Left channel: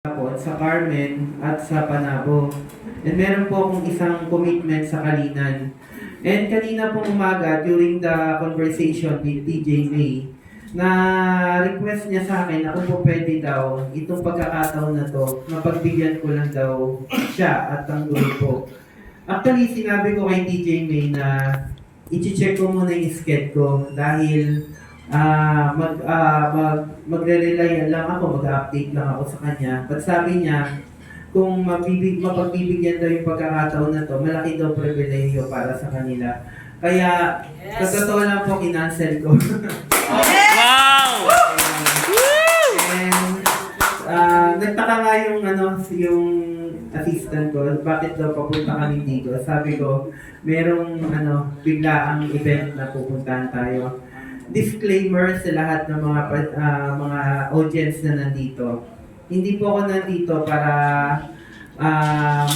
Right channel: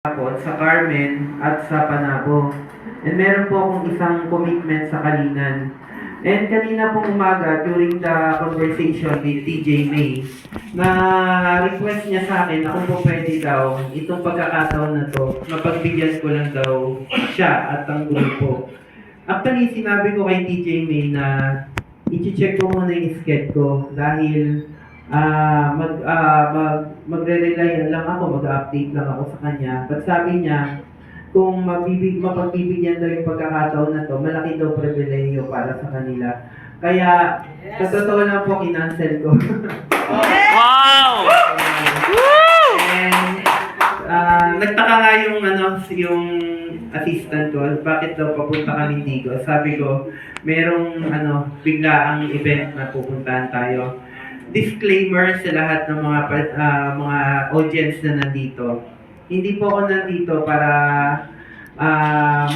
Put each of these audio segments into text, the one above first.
Sa Carmen at sa Panabo. And meron po akong isang commitment sa Kalinan. And kanina pong umaga, during the conversation with TJ May, na request niya sa akin na kung po pwede daw, itong pagkakataon na to, mapagbigyan ko lang daw siya at ang grupo. Actually, sinabi ko kay TJ May na i-check ko muna yung sked ko dahil magre-rely lang ako, mag-update lang ako sa kanya. But sabi niya, kung mapagbibigyan daw yung pagkakataon na to, malaki daw pribilehiyo para sa kanila. Kaya, sa totoo lang po, kinancel ko. Wow! And, nagtaka nga yung assistant ko, bakit daw papunta kami dito. Sabi ko, merong biglaang event na pupuntahan tayo. Disclaimer sa lahat ng mga audience na nandito. Hindi po ako nandito para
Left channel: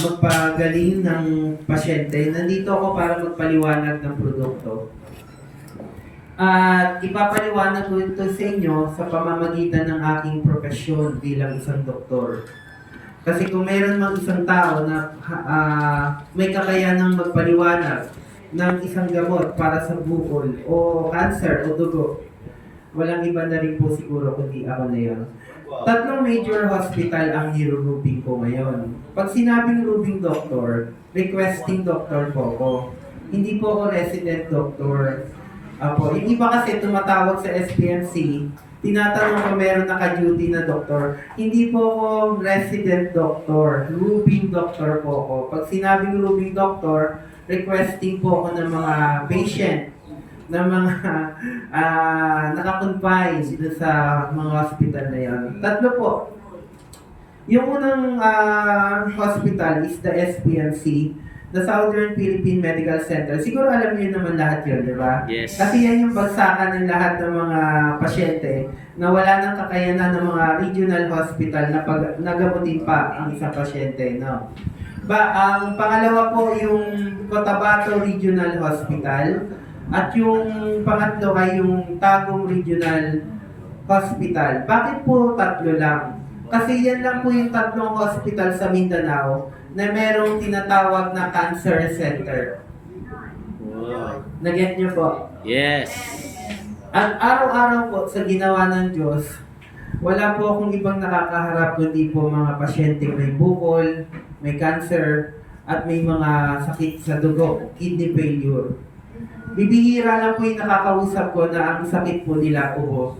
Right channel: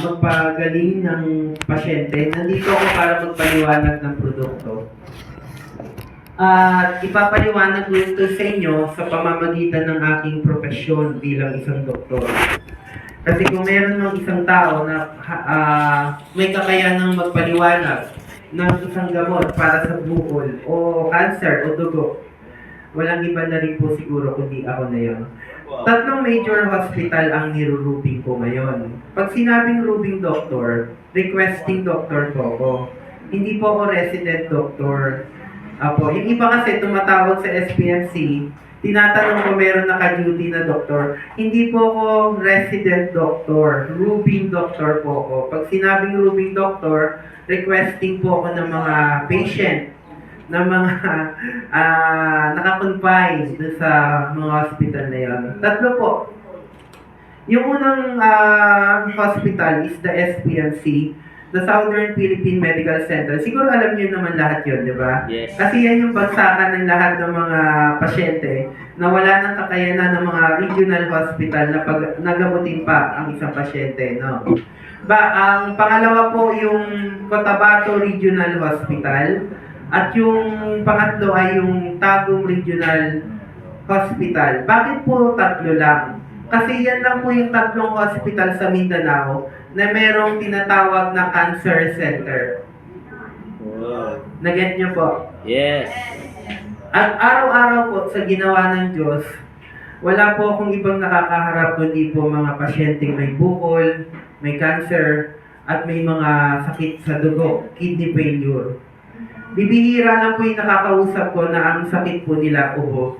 magpagaling ng pasyente. Nandito ako para magpaliwanag ng produkto. At ipapaliwanag ko ito sa inyo sa pamamagitan ng aking propesyon bilang isang doktor. Kasi kung meron mang isang tao na may kakayanang magpaliwanag ng isang gamot para sa bukol o cancer o dugo, walang iba na rin po siguro kundi ako na yon. Tatlong major hospital ang nirurubing ko ngayon. Pag sinabing rubing doctor, requesting doctor po ako. Hindi po ako resident doctor. Apo, yung iba kasi tumatawag sa SPMC, tinatanong ko meron naka-duty na doktor. Hindi po ako resident doctor, rubing doctor po ako. Pag sinabing rubing doctor, requesting po ako ng mga patient na mga nakakonfine sa mga hospital na yun. Tatlo po. Yung unang hospital is the SPMC, the Southern Philippine Medical Center. Siguro alam niyo naman lahat yun, di ba? Yes. Kasi yan yung bagsakan ng lahat ng mga pasyente na wala nang kakayanan ng mga regional hospital na nagamutin pa ang isang pasyente, no? Ang pangalawa po yung Cotabato Regional Hospital at yung pangatlo ay yung Tagum Regional Hospital. Bakit po tatlo lang? Kasi yan lang po yung tatlong hospital sa Mindanao na merong tinatawag na cancer center. Wow. Naget nyo po? Yes. At araw-araw po sa ginawa ng Diyos, wala po akong ibang nakakaharap kundi po mga pasyenteng may bukol, may cancer, at may mga sakit sa dugo, kidney failure. Bibihira lang po yung nakakausap ko na ang sakit po nila ubo.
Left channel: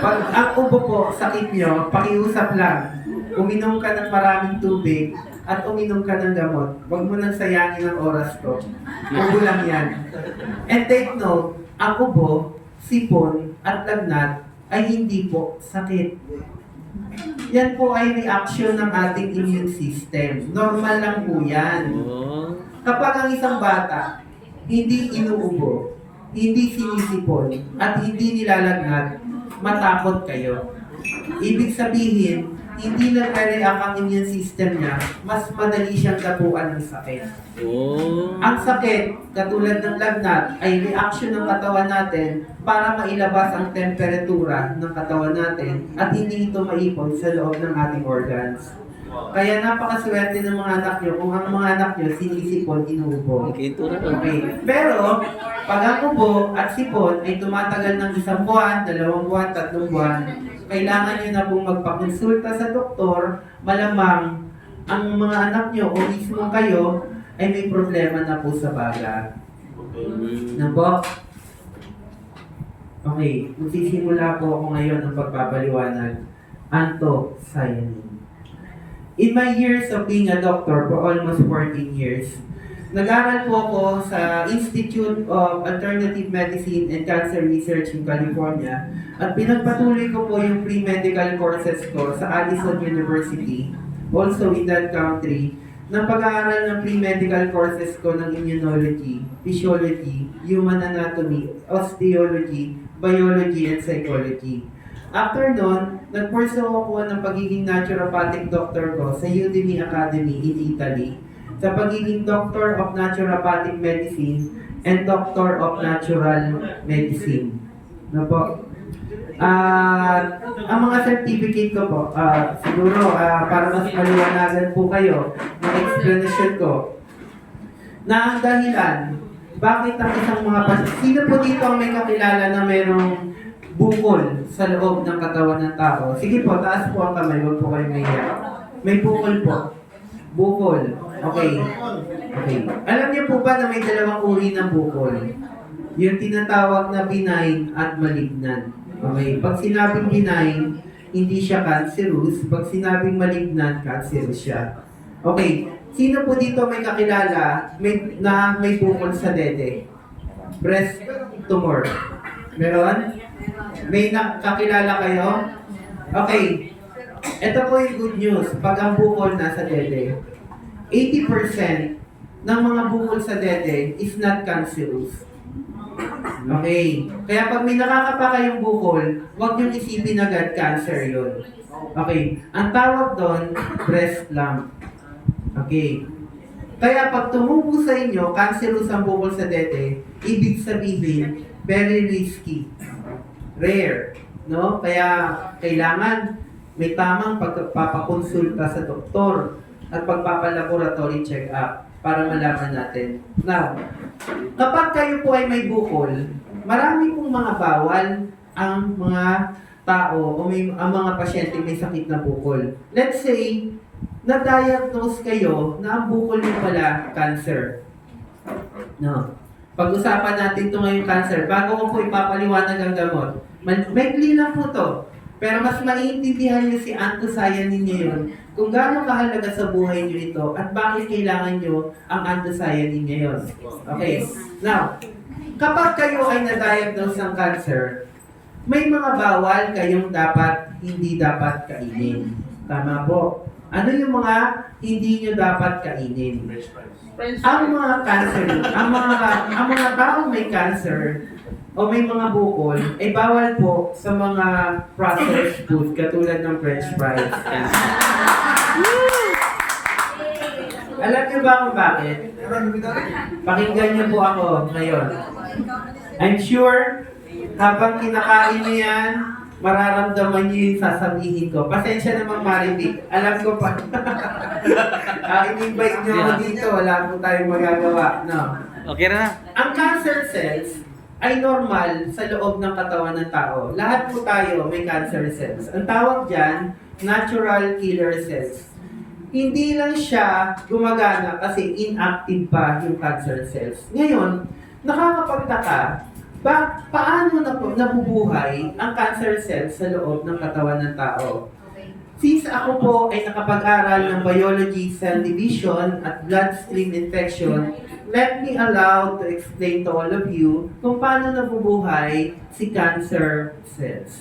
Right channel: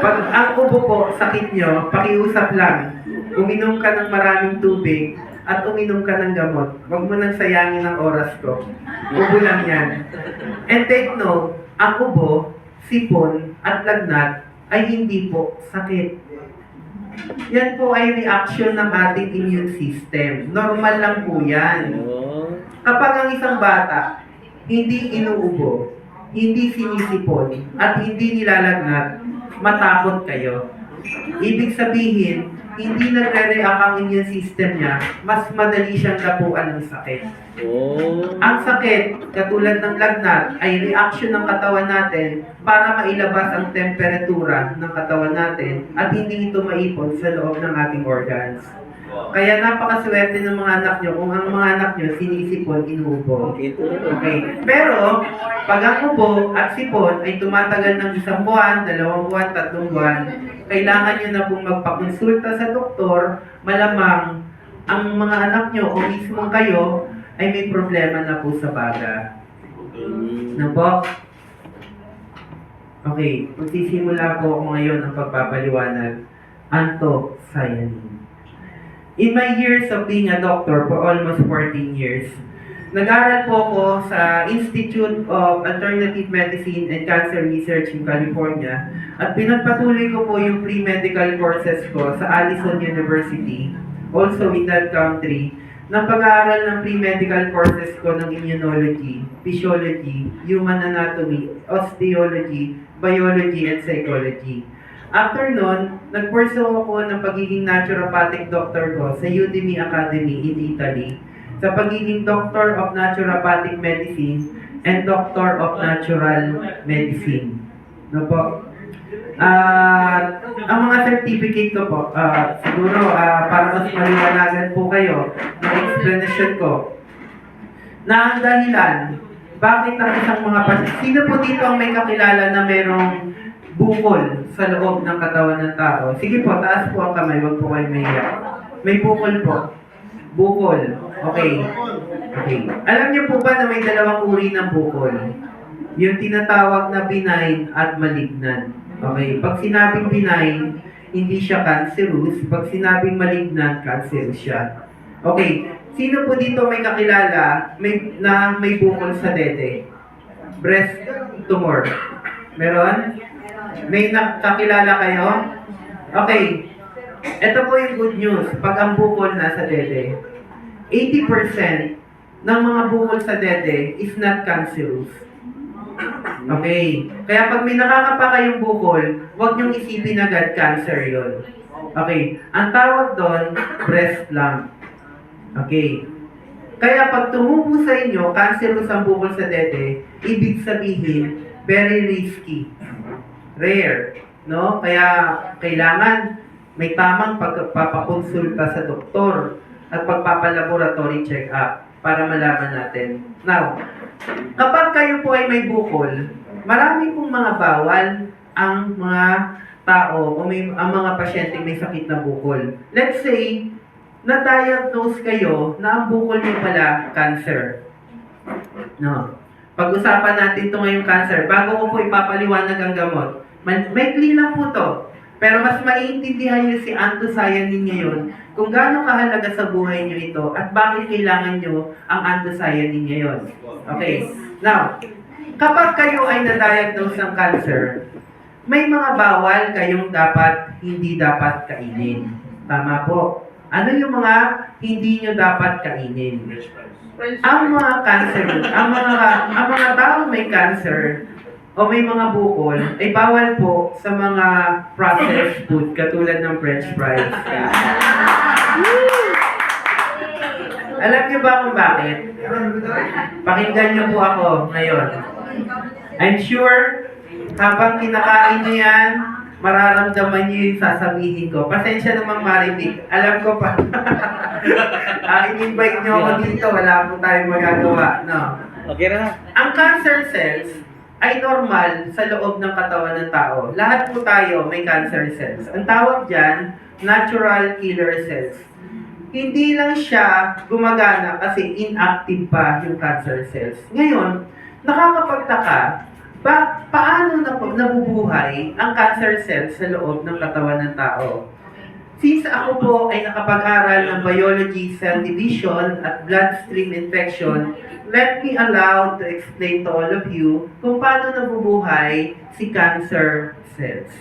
Pag ang ubo po, sakit nyo, pakiusap lang. Uminom ka ng maraming tubig at uminom ka ng gamot. Huwag mo nang sayangin ang oras ko. Ubo lang yan. And take note, ang ubo, sipon, at lagnat ay hindi po sakit. Yan po ay reaction ng ating immune system. Normal lang po yan. Kapag ang isang bata hindi inuubo, hindi sinisipon, at hindi nilalagnat, matakot kayo. Ibig sabihin, hindi nagre-react ang immune system niya, mas madali siyang dapuan ng sakit. Ang sakit, katulad ng lagnat, ay reaction ng katawan natin para mailabas ang temperatura ng katawan natin at hindi ito maipon sa loob ng ating organs. Kaya napakaswerte ng mga anak nyo kung ang mga anak nyo sinisipon, inuubo. Okay. Pero, pag ang ubo at sipon ay tumatagal ng 1 buwan, 2 buwan, 3 buwan, kailangan nyo na pong magpakonsulta sa doktor, malamang ang mga anak nyo o mismo kayo ay may problema na po sa baga. Na po? Okay, magsisimula po ako ngayon ng pagpapaliwanag. Anthocyanin. In my years of being a doctor for almost 14 years, nag-aral po ako sa Institute of Alternative Medicine and Cancer Research in California at pinagpatuloy ko po yung pre-medical courses ko sa Allison University, also in that country, ng pag-aaral ng pre-medical courses ko ng immunology, physiology, human anatomy, osteology, biology, and psychology. After nun, nag-pursue ako ng pagiging naturopathic doctor ko sa Udemy Academy in Italy, sa pagiging Doctor of Naturopathic Medicine and Doctor of Natural Medicine. No po? Ang mga certificate ko po, siguro para mas maliwanagan po kayo ng explanation ko, na ang dahilan, bakit ang isang mga sino po dito ang may kakilala na merong bukol sa loob ng katawan ng tao? Sige po, taas po ang kamay, wag po kayo mahiya. May bukol po. Bukol. Okay. Okay. Alam niyo po ba na may dalawang uri ng bukol? Yung tinatawag na benign at malignant. Okay. Pag sinabing benign, hindi siya cancerous. Pag sinabing malignant, cancerous siya. Okay. Sino po dito may kakilala may bukol sa dede? Breast tumor. Meron? May nakakilala kayo? Okay. Ito po yung good news. Pag ang bukol nasa dede, 80% ng mga bukol sa dede is not cancerous. Okay. Kaya pag may nakakapa kayong bukol, huwag niyong isipin agad cancer yon. Okay. Ang tawag doon, breast lump. Okay. Kaya pag tumubo sa inyo, cancerous ang bukol sa dede, ibig sabihin, very risky. Rare. No? Kaya kailangan may tamang pagpapakonsulta sa doktor at pagpapalaboratory check-up para malaman natin. Now, kapag kayo po ay may bukol, marami pong mga bawal ang mga tao o ang mga pasyente may sakit na bukol. Let's say, na-diagnose kayo na ang bukol niyo pala cancer. No. Pag-usapan natin ito ngayong cancer. Bago ko po ipapaliwanag ang gamot, may lang po to. Pero mas maiintindihan niyo si anthocyanin ngayon kung gaano kahalaga sa buhay niyo ito at bakit kailangan niyo ang anthocyanin ngayon. Okay. Now, kapag kayo ay na-diagnose ng cancer, may mga bawal kayong hindi dapat kainin. Tama po. Ano yung mga hindi nyo dapat kainin? Ang mga cancer, ang mga taong may cancer o may mga bukol ay bawal po sa mga processed food katulad ng french fries. Alam niyo ba kung bakit? Pakinggan niyo po ako ngayon. I'm sure habang kinakain niyo yan, mararamdaman niyo yung sasabihin ko. Pasensya naman Marivic. Alam ko pa. In-invite niyo ako dito. Wala po tayong magagawa. No. Okay na. Ang cancer cells ay normal sa loob ng katawan ng tao. Lahat po tayo may cancer cells. Ang tawag dyan, natural killer cells. Hindi lang siya gumagana kasi inactive pa yung cancer cells. Ngayon, nakakapagtaka, paano nabubuhay ang cancer cells sa loob ng katawan ng tao? Since ako po ay nakapag-aral ng biology, cell division at bloodstream infection, let me allow to explain to all of you kung paano nabubuhay si cancer cells.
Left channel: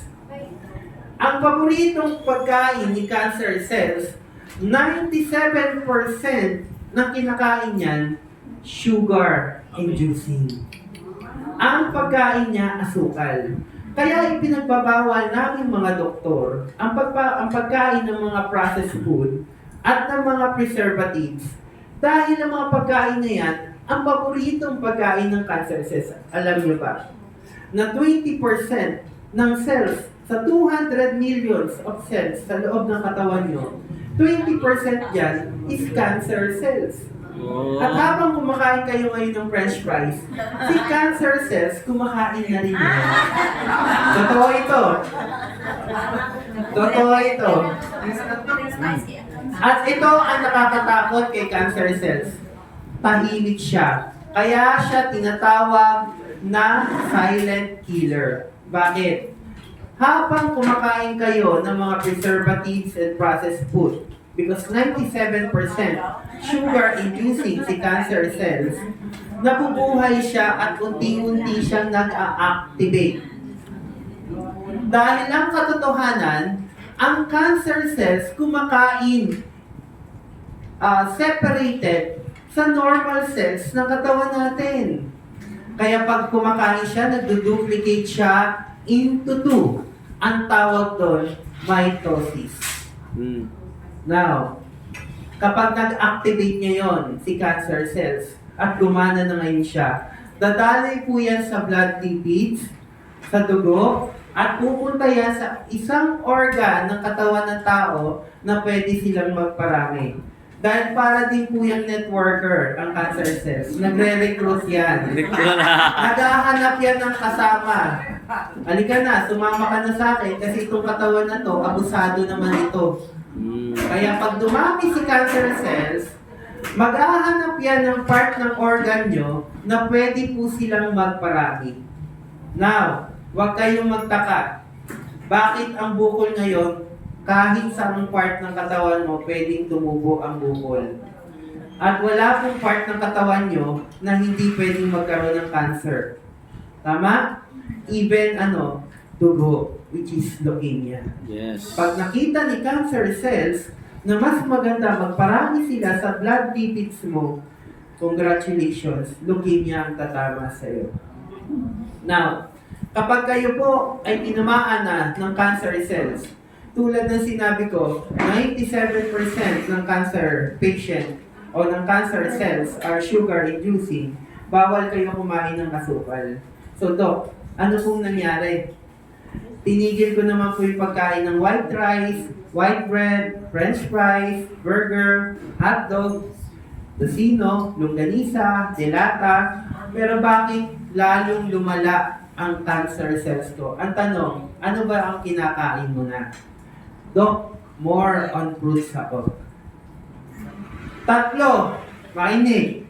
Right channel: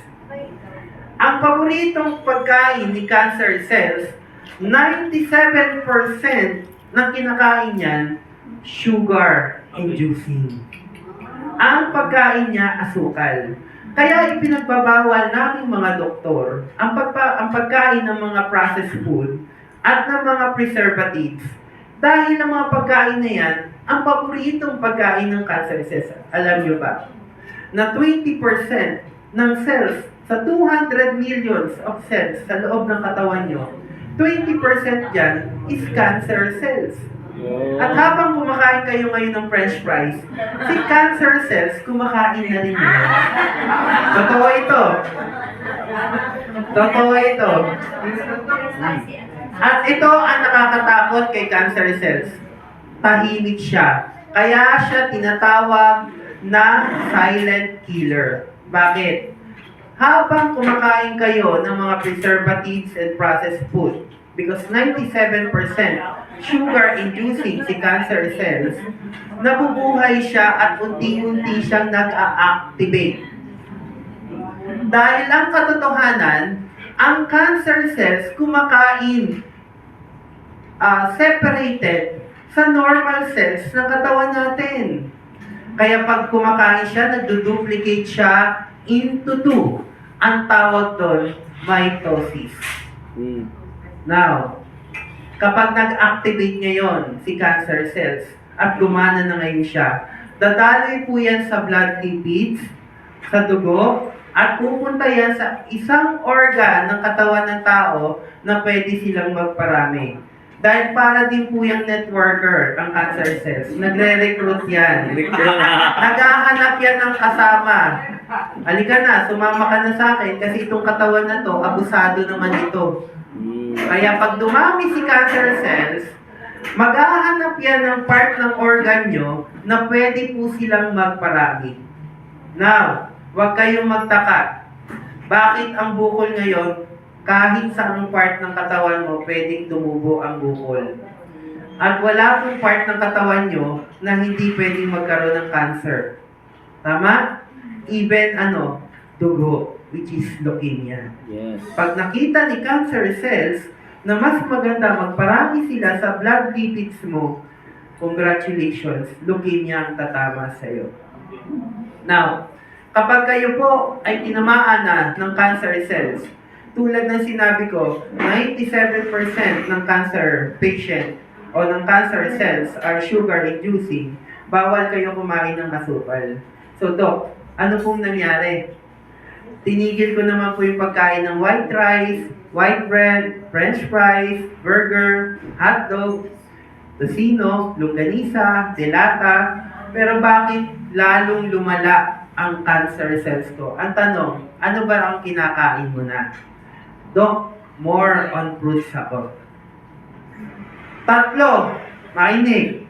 Ang paboritong pagkain ni cancer cells, 97% ng kinakain niyan, sugar inducing. Ang pagkain niya, asukal. Kaya ipinagbabawal namin mga doktor ang pagkain ng mga processed food at ng mga preservatives. Dahil ang mga pagkain na yan, ang paboritong pagkain ng cancer cells. Alam niyo ba? Na 20% ng cells sa 200 millions of cells sa loob ng katawan niyo, 20% yan is cancer cells. At habang kumakain kayo ngayon ng french fries, si cancer cells kumakain na rin yun. Totoo ito. Totoo ito. At ito ang nakakatakot kay cancer cells. Tahimik siya. Kaya siya tinatawag na silent killer. Bakit? Habang kumakain kayo ng mga preservatives and processed food, because 97% sugar-inducing si cancer cells, nabubuhay siya at unti-unti siyang nag-a-activate. Dahil ang katotohanan, ang cancer cells kumakain separated sa normal cells ng katawan natin. Kaya pag kumakain siya, nagduduplicate siya into 2. Ang tawag doon, mitosis. Now, kapag nag-activate ngayon si cancer cells at gumana na ngayon siya, dadaloy po yan sa blood lipids, sa dugo, At pupunta yan sa isang organ ng katawan ng tao na pwede silang magparami. Dahil para din po yung networker, ang cancer cells. Nagre-recruit yan. Naghahanap yan ng kasama. Halika na, sumama ka na sa akin kasi itong katawan na to, abusado naman ito. Kaya pag dumami si cancer cells, maghahanap yan ng part ng organ nyo na pwede po silang magparami. Now, huwag kayong magtaka. Bakit ang bukol ngayon, kahit saang part ng katawan mo, pwedeng tumubo ang bukol. At wala pong part ng katawan nyo na hindi pwedeng magkaroon ng cancer. Tama? Even dugo, which is leukemia. Yes. Pag nakita ni cancer cells na mas maganda magparami sila sa blood lipids mo, congratulations, leukemia ang tatama sa iyo. Now, kapag kayo po ay tinamaan na ng cancer cells, tulad ng sinabi ko, 97% ng cancer patient o ng cancer cells are sugar-inducing, bawal kayo kumain ng asukal. So, Doc, ano pong nangyari? Tinigil ko naman po yung pagkain ng white rice, white bread, french fries, burger, hotdog, tocino, longganisa, delata. Pero bakit lalong lumala ang cancer cells ko? Ang tanong, ano ba ang kinakain mo na? Doc, more on fruits ako. Tatlo, makinig.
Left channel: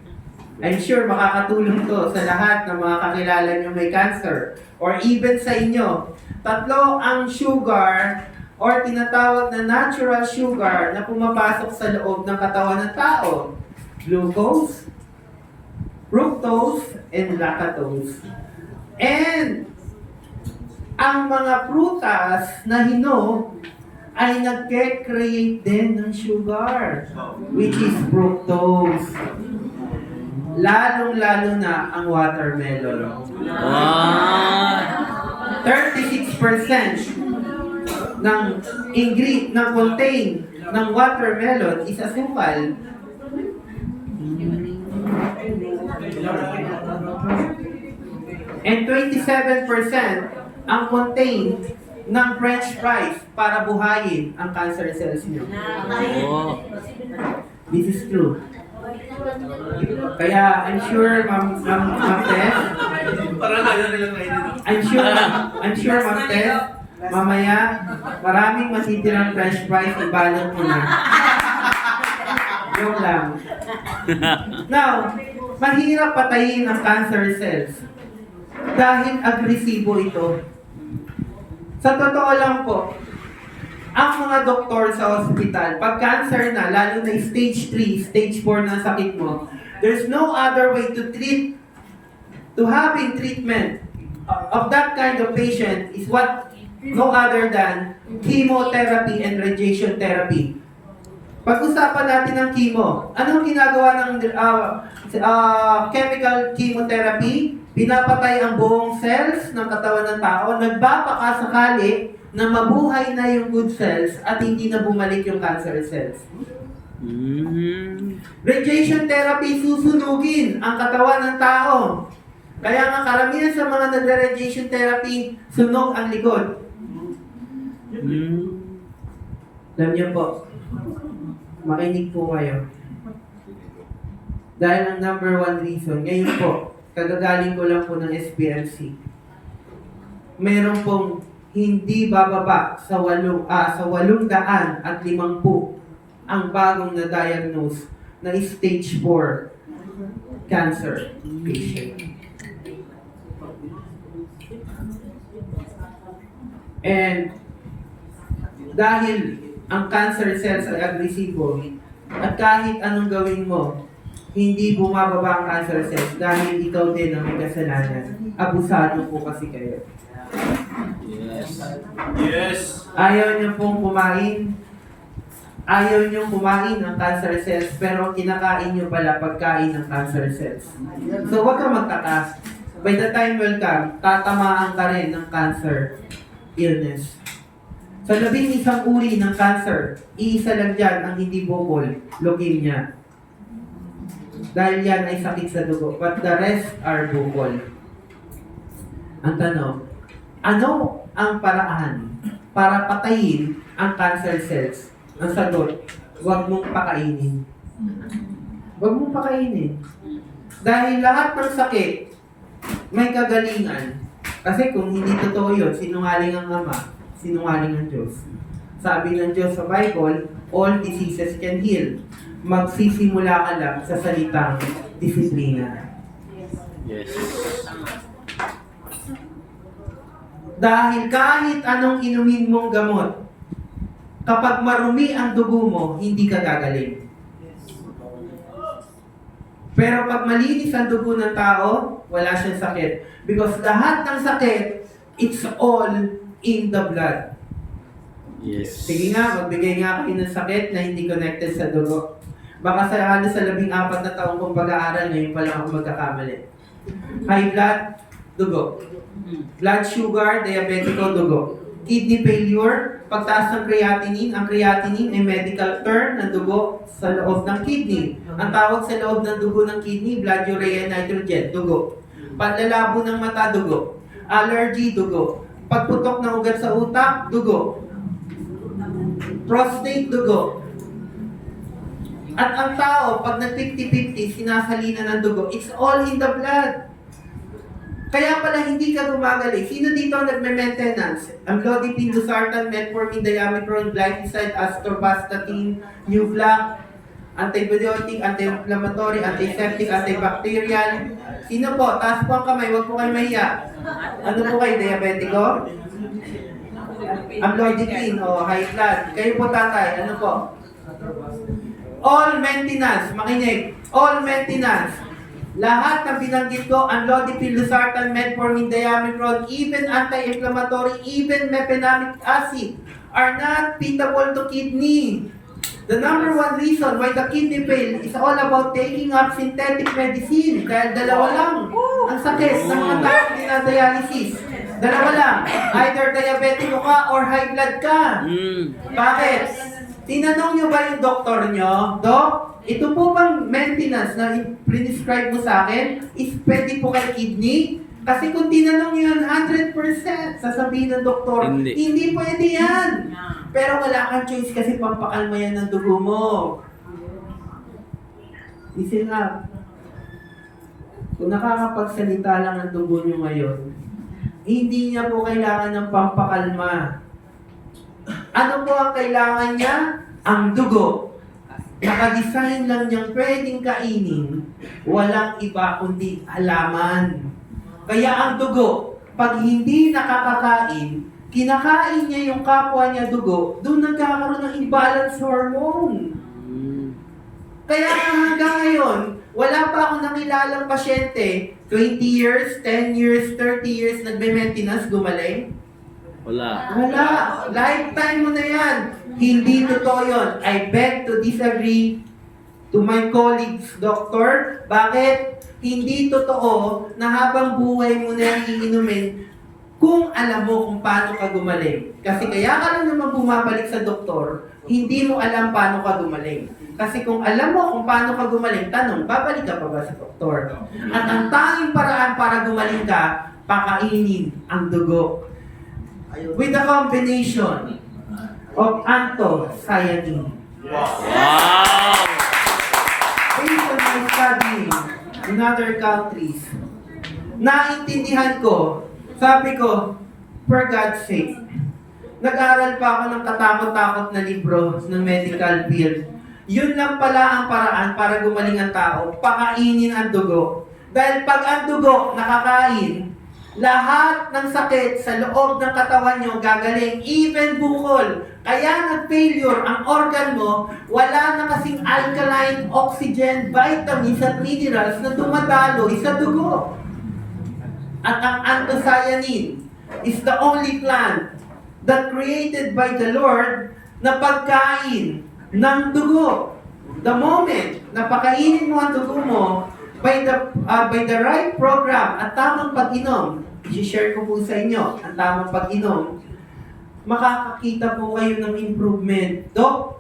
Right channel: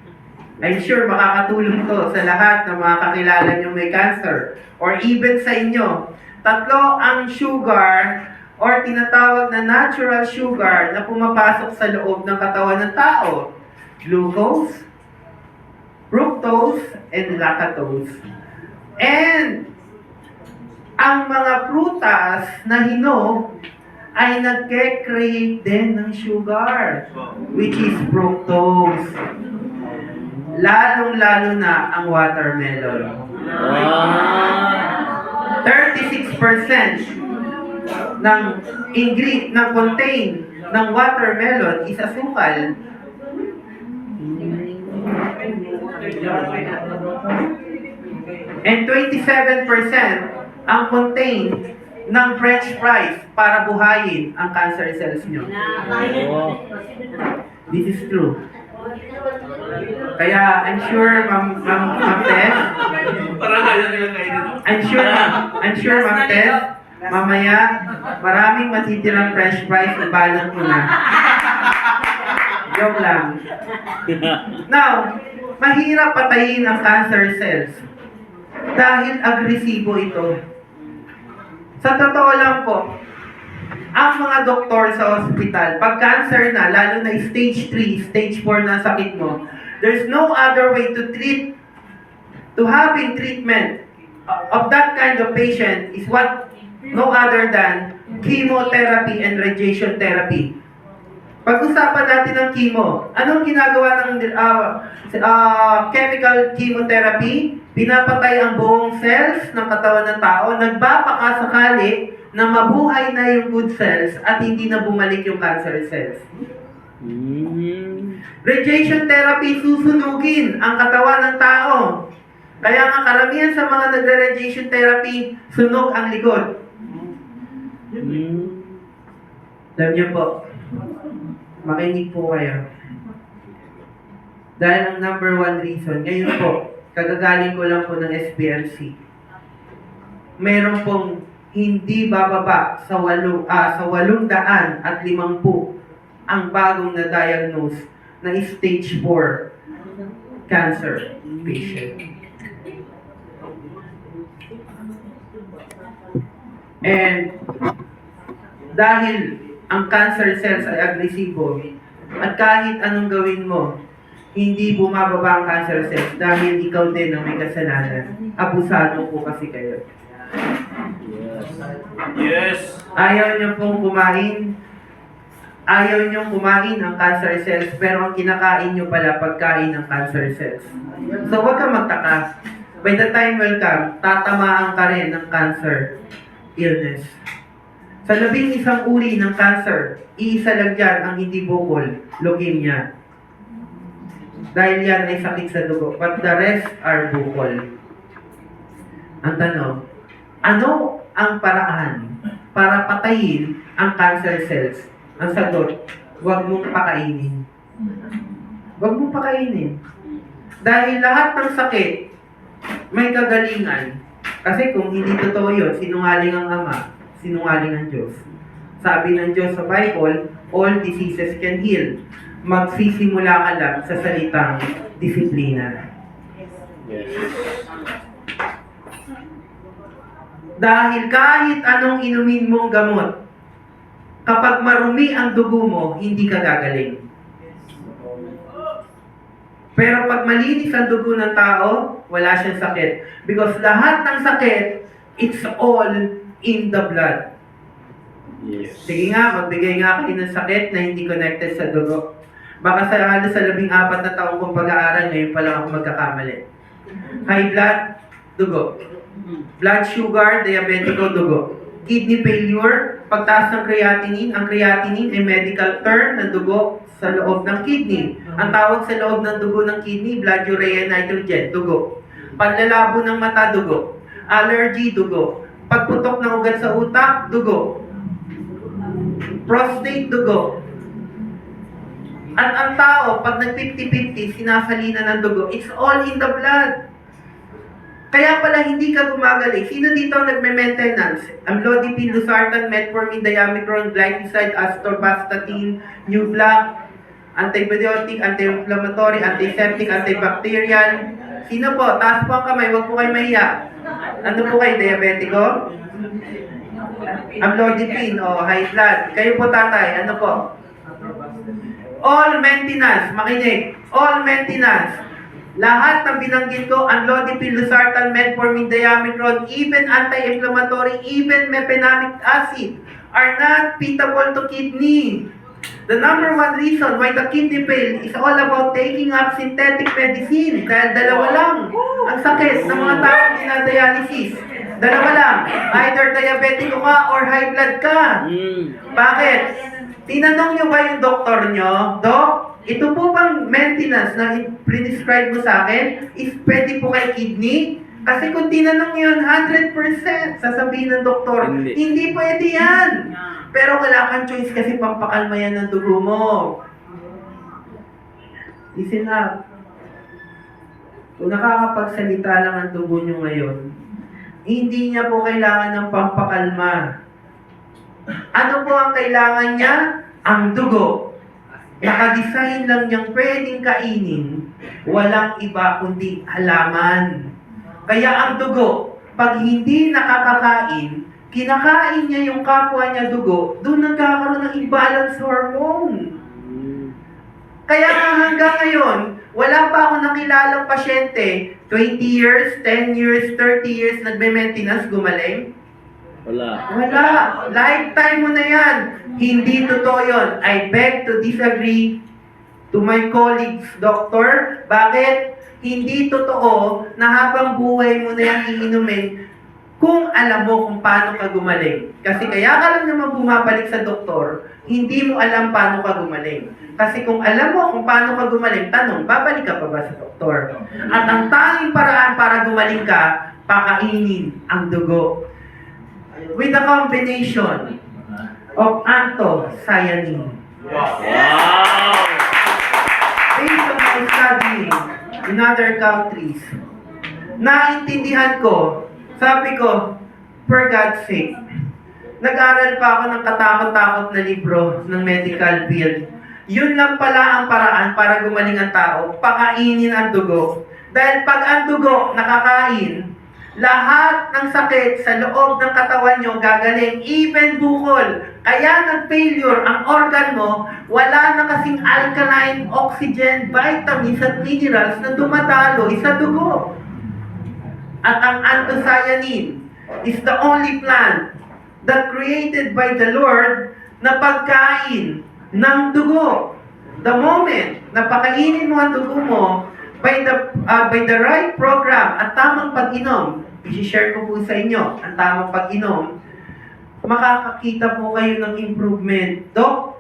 I'm sure makakatulong to sa lahat ng mga kakilala nyo may cancer or even sa inyo. Tatlo ang sugar or tinatawag na natural sugar na pumapasok sa loob ng katawan ng tao. Glucose, fructose, and lactose. And ang mga prutas na hinog ay nagke-create din ng sugar, which is fructose. Lalong-lalo na ang watermelon. 36% ng contain ng watermelon is asukal. And 27% ang contain ng french fries para buhayin ang cancer cells nyo. This is true. Kaya I'm sure Ma'am Tess, Parang ayaw nilang kainin. I'm sure Ma'am Tess, mamaya maraming matitirang french fries, ibalot mo na. Joke lang. Now, mahirap patayin ang cancer cells dahil agresibo ito. Sa totoo lang po, ang mga doktor sa ospital, pag cancer na, lalo na stage 3, stage 4 na sakit mo, there's no other way to treat, to having treatment of that kind of patient is what no other than chemotherapy and radiation therapy. Pag-usapan natin ng chemo, anong ginagawa ng chemical chemotherapy? Pinapatay ang buong cells ng katawan ng tao, nagbabakasakali na mabuhay na yung good cells at hindi na bumalik yung cancer cells. Radiation therapy, susunugin ang katawan ng tao. Kaya nga karamihan sa mga nagre-radiation therapy, sunog ang likod. Alam niyo po, makinig po kayo. Dahil ang number one reason, ngayon po, kagagaling ko lang po ng SPLC. Meron pong hindi bababa sa 850 ang bagong na-diagnose na stage 4 cancer patient. And dahil ang cancer cells ay agresibo at kahit anong gawin mo, hindi bumababa ang cancer cells dahil ikaw din ang may kasalanan. Abusado po kasi kayo. Yes. Ayaw niyo pong kumain. Ayaw niyo kumain ng cancer cells pero ang kinakain niyo pala pagkain ng cancer cells. So huwag kang magtaka. By the time will come, tatamaan ka rin ng cancer illness. Sa 11 uri ng cancer, iisa lang dyan ang hindi bukol, leukemia. Dahil yan ay sakit sa dugo, but the rest are bukol. Ang tanong, ano ang paraan para patayin ang cancer cells? Ang sagot, huwag mong pakainin. Huwag mong pakainin. Dahil lahat ng sakit, may kagalingan. Kasi kung hindi totoo yun, sinungaling ang Ama, sinungaling ang Diyos. Sabi ng Diyos sa Bible, all diseases can heal. Magsisimula ka lang sa salitang disiplina. Yes. Dahil kahit anong inumin mong gamot, kapag marumi ang dugo mo, hindi ka gagaling. Pero pag malinis ang dugo ng tao, wala siyang sakit. Because lahat ng sakit, it's all in the blood. Yes. Sige nga, magbigay nga kayo ng sakit na hindi connected sa dugo. Baka sa 14 na taong kong pag-aaral, ngayon pa lang ako magkakamali. High blood, dugo. Blood sugar, diabetico, dugo. Kidney failure, pagtaas ng creatinine. Ang creatinine ay medical term ng dugo sa loob ng kidney. Ang tawag sa loob ng dugo ng kidney, blood urea nitrogen, dugo. Panlalabo ng mata, dugo. Allergy, dugo. Pagputok ng ugat sa utak, dugo. Prostate, dugo. At ang tao, pag nag-50-50, sinasalina ng dugo, it's all in the blood. Kaya pala hindi ka gumagaling. Sino dito ang nagme-maintenance? Amlodipine, losartan, metformin, diamicron, glycoside, atorvastatin, Nuvlac, antibiotic, anti-inflammatory, antiseptic, antibacterial. Sino po? Taas po ang kamay, huwag po kayo mahiya. Ano po kayo? Diabetico? Amlodipine o high blood. Kayo po tatay, ano po? All maintenance, makinig. All maintenance. Lahat ng binanggit ko, amlodipine, losartan, metformin, diamicron, even anti-inflammatory, even mefenamic acid, are not feasible to kidney. The number one reason why the kidney fail is all about taking up synthetic medicine. Dahil dalawa lang ang sakit ng mga taong dinadialysis. Dalawa lang. Either diabetico ka or high blood ka. Bakit? Tinanong nyo ba yung doktor nyo? Dok, ito po bang maintenance na prescribe mo sa akin is pwede po kay kidney? Kasi kung tinanong yun, 100% sasabihin ng doktor, hindi pwede yan. Pero wala kang choice kasi pampakalma yan ng dugo mo. Listen up. Kung nakakapagsalita lang ang dugo nyo ngayon, hindi niya po kailangan ng pampakalma. Ano po ang kailangan niya? Ang dugo. Nakadesign lang niyang pwedeng kainin, walang iba kundi halaman. Kaya ang dugo, pag hindi nakakakain, kinakain niya yung kapwa niya dugo, doon nagkakaroon ng imbalance hormone. Kaya hanggang ngayon, wala pa ako nakilalang pasyente, 20 years, 10 years, 30 years, nagme-maintenance, gumaling. Wala. Lifetime mo na yan. Hindi totoo yun. I beg to disagree to my colleagues, doctor. Bakit? Hindi totoo na habang buhay mo na yan iinumin kung alam mo kung paano ka gumaling. Kasi kaya ka lang naman bumabalik sa doktor, hindi mo alam paano ka gumaling. Kasi kung alam mo kung paano ka gumaling, tanong, babalik ka pa ba sa doktor? At ang tanging paraan para gumaling ka, pakainin ang dugo. With a combination of anthocyanin. Wow! Based on my studying in other countries, naintindihan ko, sabi ko, for God's sake, nag-aral pa ako ng katakot-takot na libro ng medical field. Yun lang pala ang paraan para gumaling ang tao, pakainin ang dugo. Dahil pag ang dugo nakakain, lahat ng sakit sa loob ng katawan nyo gagaling, even bukol. Kaya nag-failure ang organ mo, wala na kasing alkaline, oxygen, vitamins at minerals na dumadaloy sa dugo. At ang anthocyanin is the only plant that created by the Lord na pagkain ng dugo. The moment na pakainin mo ang dugo mo, by the right program at tamang pag-inom, i-share ko po sa inyo ang tamang pag-inom, makakakita po kayo ng improvement. Dok,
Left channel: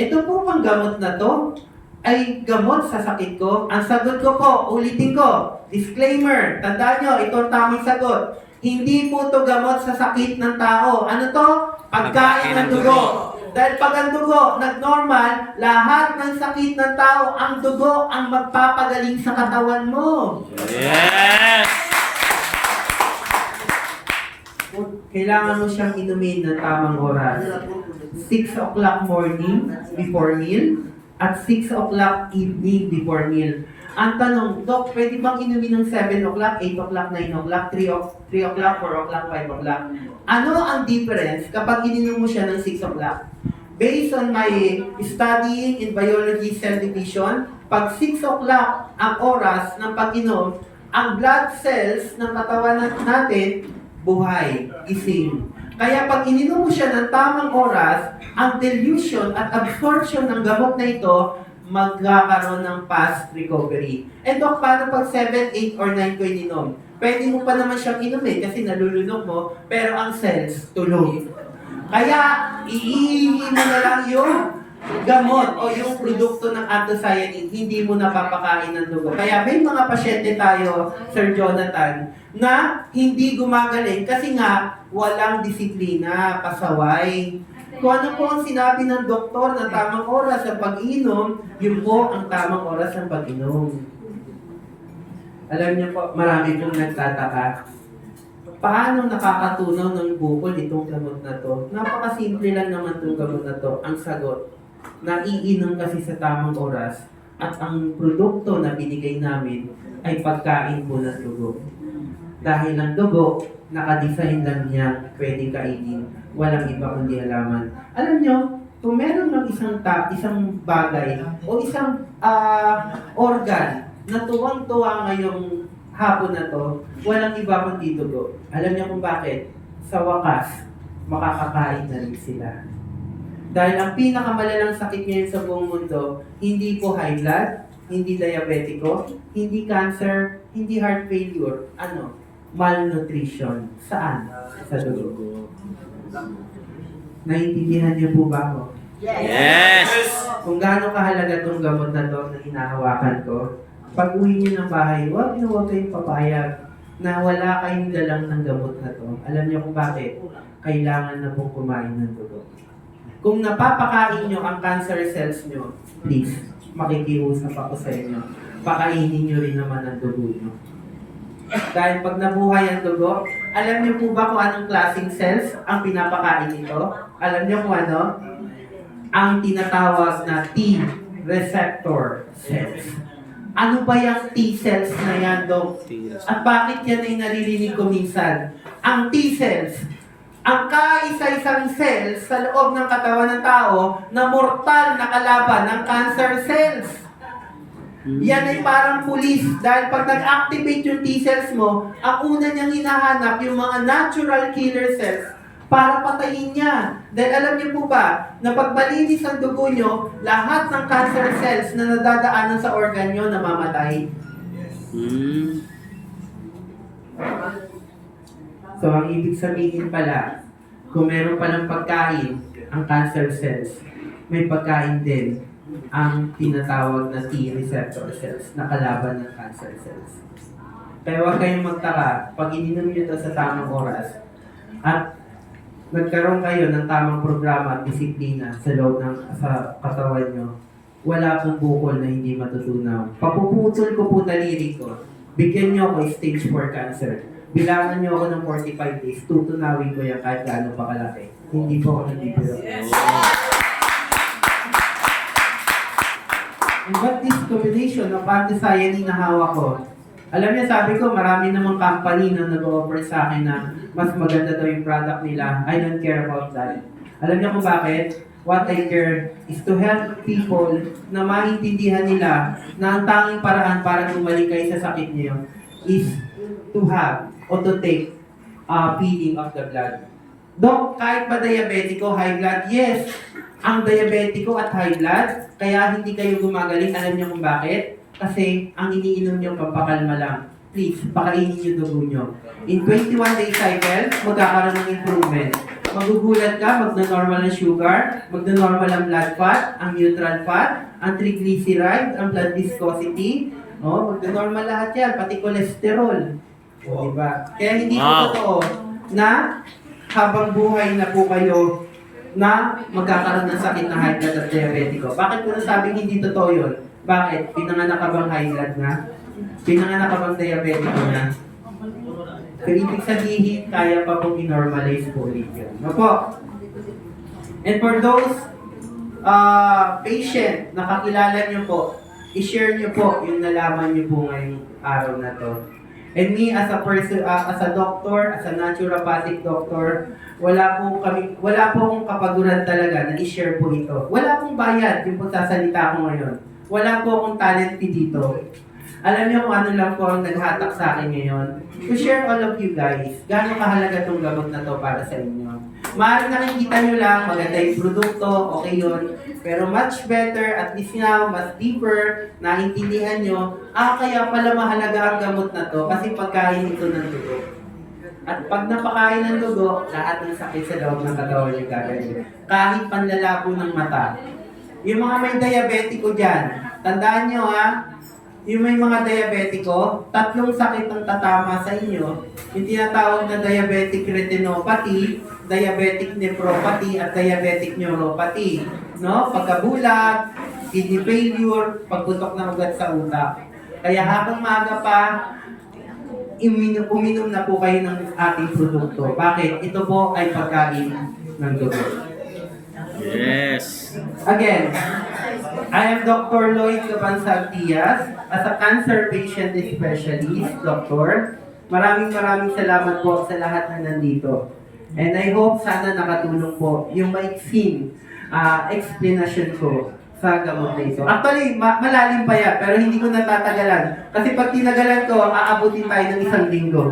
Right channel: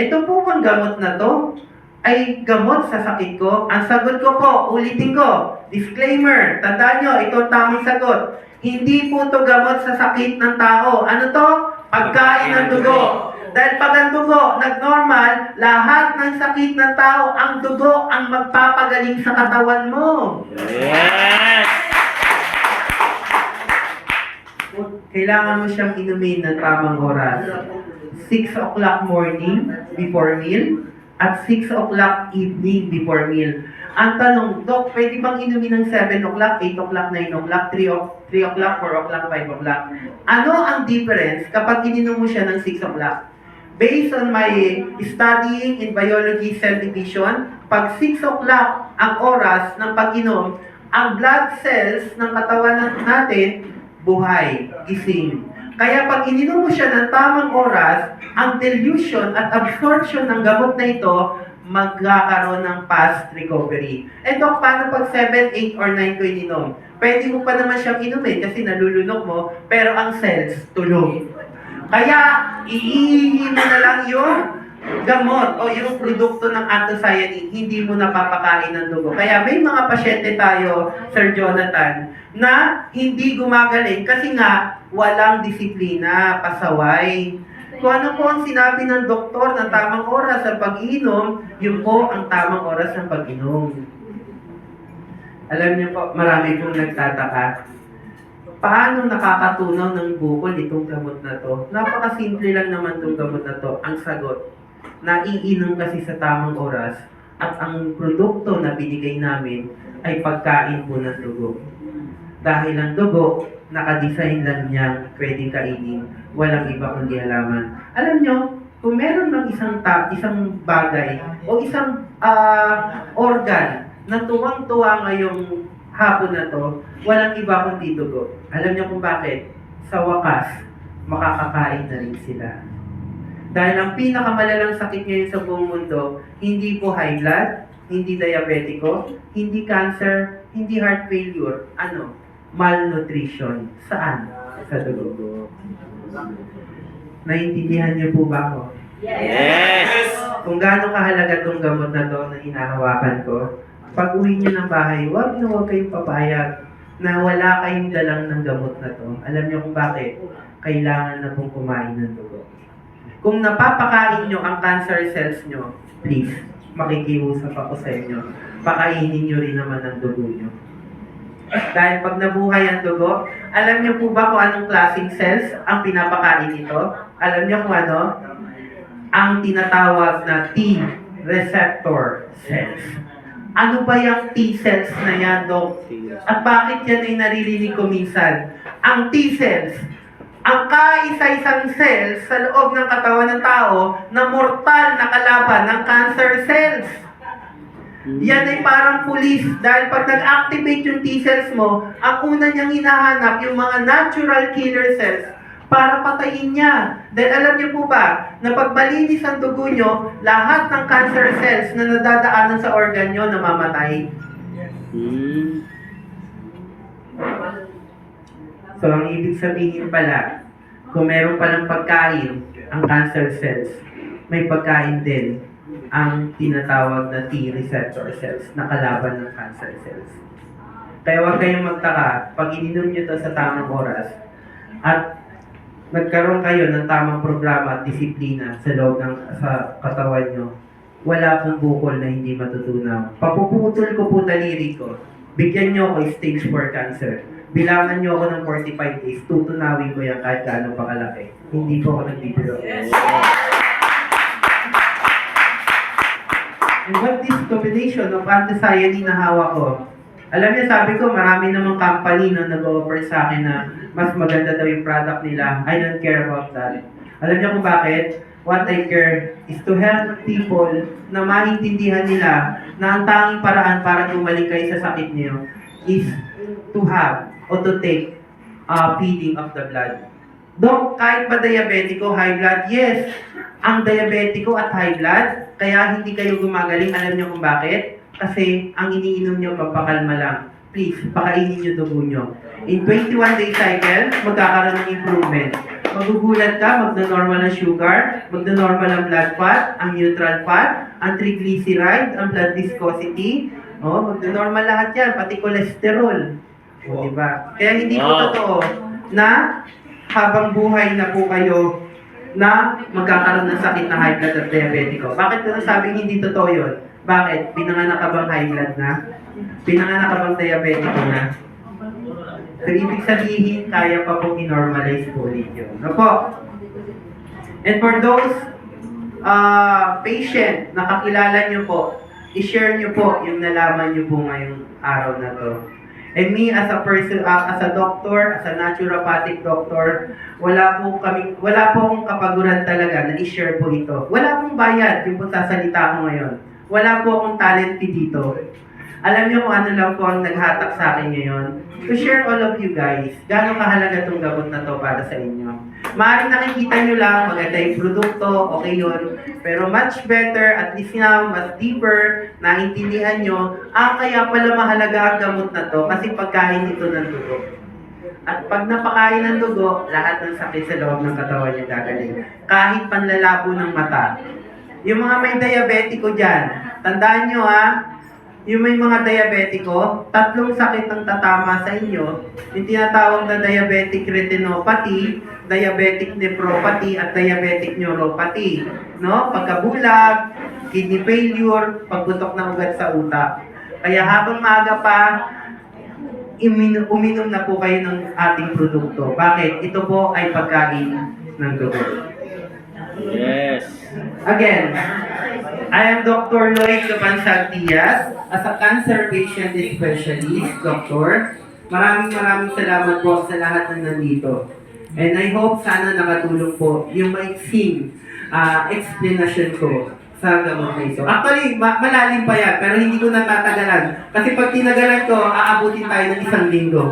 ito po bang gamot na to ay gamot sa sakit ko? Ang sagot ko po, ulitin ko, disclaimer, tandaan nyo, ito ang tamang sagot. Hindi po to gamot sa sakit ng tao. Ano to? Pagkain ng dugo. Dahil pag ang dugo nag-normal, lahat ng sakit ng tao, ang dugo ang magpapagaling sa katawan mo. Yes! Kailangan mo siyang inumin ng tamang oras. 6 o'clock morning before meal at 6 o'clock evening before meal. Ang tanong, Dok, pwede bang inumin ng 7 o'clock, 8 o'clock, 9 o'clock, 3 o'clock, 4 o'clock, 5 o'clock? Ano ang difference kapag ininom mo siya ng 6 o'clock? Based on my studying in biology cell division, pag 6 o'clock ang oras ng pag-inom, ang blood cells ng katawan natin buhay, gising. Kaya pag ininom mo siya ng tamang oras, ang dilution at absorption ng gamot na ito magkakaroon ng fast recovery. And Dok, paano pag 7, 8, or 9 ko ininom? Pwede mo pa naman siyang inumin kasi nalulunok mo, pero ang cells tulog. Kaya, iihi mo na lang yung gamot o yung produkto ng anthocyanin, hindi mo napapakain ng dugo. Kaya may mga pasyente tayo, Sir Jonathan, na hindi gumagaling kasi nga walang disiplina, pasaway. Kung ano po ang sinabi ng doktor na tamang oras sa pag-inom, yun po ang tamang oras ng pag-inom. Alam niyo po, marami pong nagtataka. Paano nakakatunaw ng bukol itong gamot na to? Napakasimple lang naman itong gamot na to. Ang sagot, naiinom kasi sa tamang oras at ang produkto na binigay namin ay pagkain po ng dugo. Dahil ang dugo, nakadesign lang niya pwedeng kainin. Walang iba kundi halaman. Alam nyo, kung meron ng isang bagay o isang organ na tuwang-tuwa ngayong hapon na to, walang iba kundi dugo. Alam niyo kung bakit? Sa wakas, makakakain na rin sila. Dahil ang pinakamalalang sakit ngayon sa buong mundo, hindi po high blood, hindi diabetiko, hindi cancer, hindi heart failure. Ano? Malnutrition. Saan? Sa dugo. Naintindihan niyo po ba ako? Yes! Kung gaano kahalaga itong gamot na to na hinahawakan ko, pag uwi niyo ng bahay, huwag kayong papayag na wala kayong dalang ng gamot na to. Alam niyo kung bakit? Kailangan na pong kumain ng dugo. Kung napapakain nyo ang cancer cells nyo, please, makikiusap ako sa inyo. Pakainin nyo rin naman ang dugo nyo. Dahil pag nabuhay ang dugo, alam nyo po ba kung anong klaseng cells ang pinapakain nito? Alam nyo kung ano? Ang tinatawag na T receptor cells. Ano ba yung T cells na yan, Dok? At bakit yan ay naririnig ko minsan? Ang T cells, ang kaisa-isang cells sa loob ng katawan ng tao na mortal na kalaban ng cancer cells. Yan ay parang pulis dahil pag nag-activate yung T-cells mo, ang una niyang hinahanap yung mga natural killer cells para patayin niya. Dahil alam niyo po ba, na pag malinis ang dugo niyo, lahat ng cancer cells na nadadaanan sa organ niyo namamatay. So, ang ibig sabihin pala, kung meron palang pagkain ang cancer cells, may pagkain din ang tinatawag na T receptor cells na kalaban ng cancer cells. Kaya huwag kayong magtaka pag ininom nyo ito sa tamang oras at nagkaroon kayo ng tamang programa at disiplina sa loob ng sa katawan nyo, wala pong bukol na hindi matutunaw. Papuputol ko po daliri ko. Bigyan nyo ako stage 4 cancer. Bilangan nyo ako ng 45 days, tutunawin ko yan kahit gaano pa kalaki. Hindi po ako nagbibiro. And what this combination of anthocyanin na hawak ko, alam niyo, sabi ko, marami namang company na nag-offer sa akin na mas maganda daw yung product nila. I don't care about that. Alam niyo kung bakit? What I care is to help people na maintindihan nila na ang tanging paraan para gumaling kayo sa sakit niyo is to have or to take feeding of the blood. Dok, kahit ba diabetiko, high blood? Yes, ang diabetiko at high blood, kaya hindi kayo gumagaling. Alam niyo kung bakit? Kasi ang iniinom niyo pampakalma lang. Please, pakainin niyo dugo niyo. In 21-day cycle, magkakaroon ng improvement. Magugulat ka, magna-normal ang sugar, magna-normal ang blood fat, ang neutral fat, ang triglyceride, ang blood viscosity, magna-normal lahat yan, pati cholesterol. O, diba? Kaya hindi po Wow. totoo na habang buhay na po kayo na magkakaroon ng sakit na high blood at diabetiko. Bakit ko nasabing hindi totoo yun? Bakit? Pinanganak ka bang high blood na? Pinanganak ka bang diabetiko na? So, ibig sabihin, kaya pa po i-normalize po ulit yun. Ano po? And for those patient na kakilala nyo po, i-share nyo po yung nalaman nyo po ngayong araw na to. And me as a person, as a doctor, as a naturopathic doctor, wala po akong kapaguran talaga na i-share po ito. Wala pong bayad yung pagsasalita ko ngayon. Wala po akong talent fee dito. Alam niyo kung ano lang po ang naghatak sa akin ngayon? To share all of you guys, gaano kahalaga itong gamot na to para sa inyo. Maaaring nakikita nyo lang, maganda yung produkto, okay yun. Pero much better, at least now, mas deeper, naintindihan nyo, kaya pala mahalaga ang gamot na to kasi pagkain ito ng dugo. At pag napakain ng dugo, lahat ng sakit sa loob ng katawan niya gagaling. Kahit panlalabo ng mata. Yung mga may diabetiko dyan, tandaan nyo yung may mga diabetiko, 3 sakit ang tatama sa inyo. Yung tinatawag na diabetic retinopathy, diabetic nephropathy, at diabetic neuropathy. No? Pagkabulag, kidney failure, pagputok ng ugat sa utak. Kaya habang maaga pa, uminom na po kayo ng ating produkto. Bakit? Ito po ay pagkain ng dugo. Yes. Again, I am Dr. Lloyd Capansag Diaz, as a cancer patient specialist, doctor. Maraming salamat po sa lahat ng nandito. And I hope sana nakatulong po yung maiksing explanation ko sa gamot na ito. Actually, malalim pa yan, pero hindi ko natatagalan. Kasi pag tinagalan ko, aabutin tayo ng 1 linggo.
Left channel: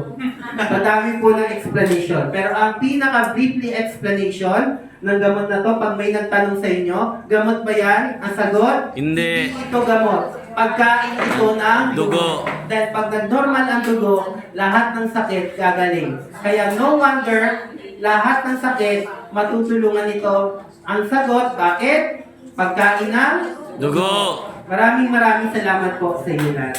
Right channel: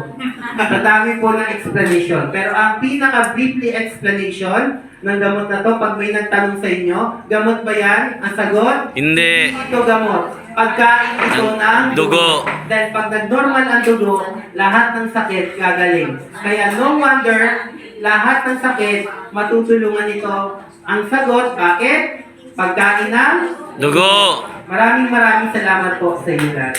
Madami po ng explanation. Pero ang pinaka-briefly explanation ng gamot na to, pag may nagtanong sa inyo, gamot ba yan? Ang sagot? Hindi. Ito gamot. Pagkain ito ng Dugo. Dahil pag nag-normal ang dugo, lahat ng sakit gagaling. Kaya no wonder, lahat ng sakit, matutulungan ito. Ang sagot, bakit? Pagkain ng Dugo. Maraming salamat po sa inyo lahat.